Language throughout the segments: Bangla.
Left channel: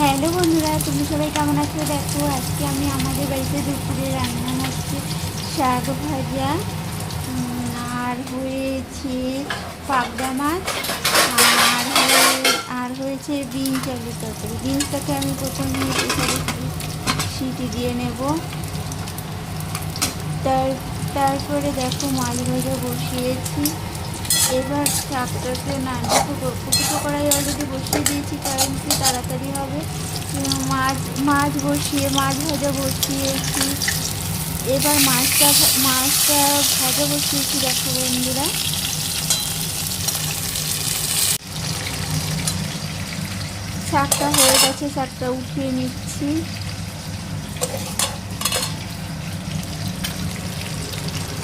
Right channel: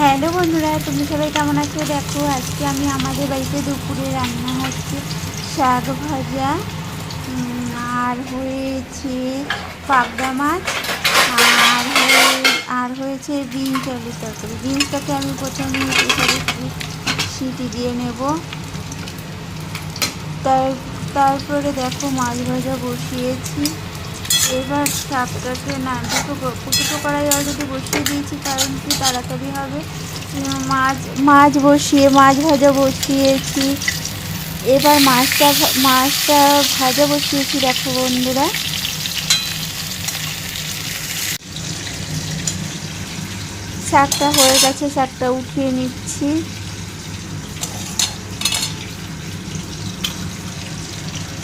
হ্যালো বন্ধুরা, তুমি সবাই কেমন আছো? দেখো আজকে আমি আমাদের বাড়িতে দুপুরে রান্না হচ্ছে শাক ভাজা, আর হয়েছে পাবদা মাছ, আর হয়েছে বিনস আলুর তরকারি। বিনসটাকে আমি প্রথমে প্রেসারে সিটি দিয়ে নেব। তারপরে দেখো মাছ ভাজা বসিয়েছি। এবার শাকটাকে না দুটো কড়াই অলরেডি বসিয়ে দিয়েছি, কারণ কি তাড়াতাড়ি হবে। মাছ ভাজা বসিয়েছি। এবার মাছটা ভাজা বসিয়েছি। দেখো বন্ধুরা, শাকটা হয়ে গেছে, শাকটা উঠিয়ে নিচ্ছি।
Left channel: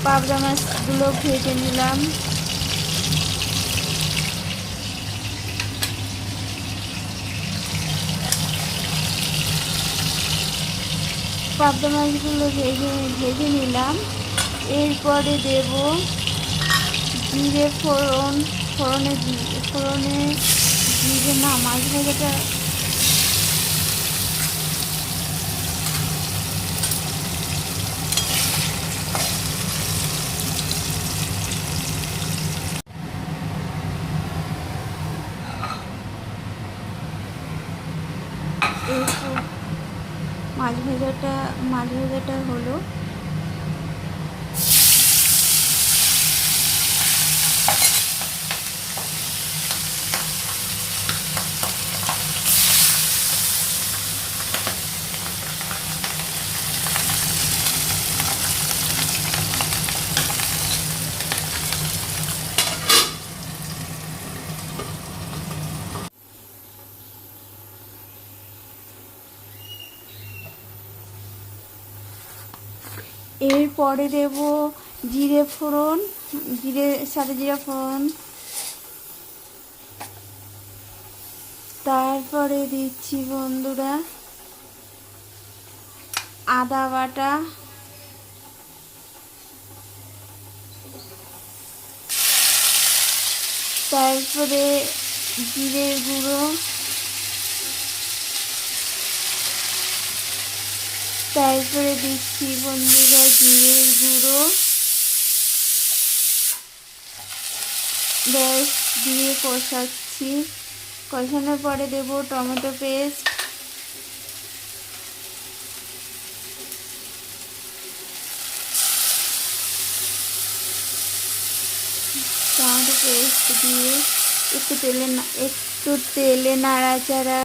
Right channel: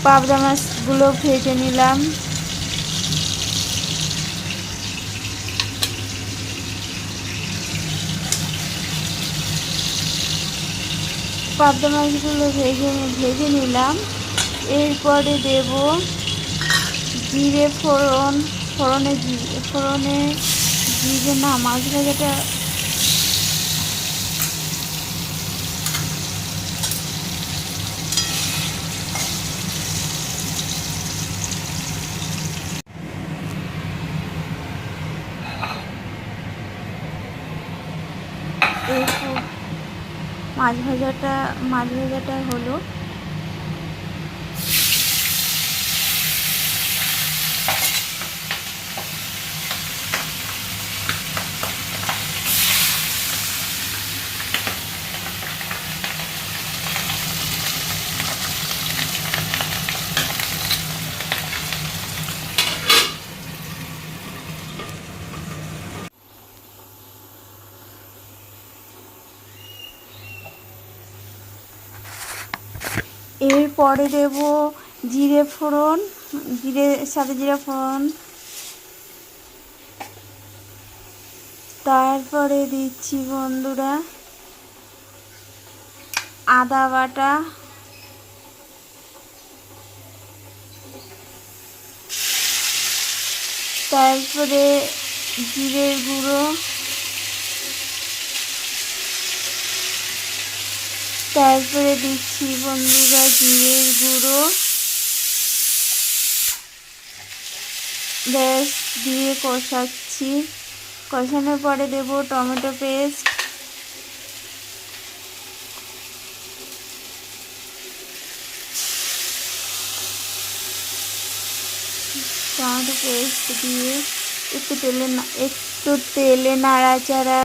পাবদা মাছগুলো ভেজে নিলাম। পাবদা মাছগুলো ভেজে নিলাম। এরপরে দেব জিরে ফোড়নে জিরে না, মাছ ভাজাটা মাছ ভাজাটা হলো। এরপরে দেব সাদা জিরে ফোড়ন। তারপরে দিচ্ছি বন্ধুরা আদা বাটা, তারপরে জিরের গুঁড়ো, তারপরে দিচ্ছি বন্ধুরা জিরের গুঁড়ো। ব্যাস, দিয়ে কষাচ্ছি। কষানোর পরে দেব টমেটো পেস্ট, দিয়ে একটু তেলে নাড়াচাড়া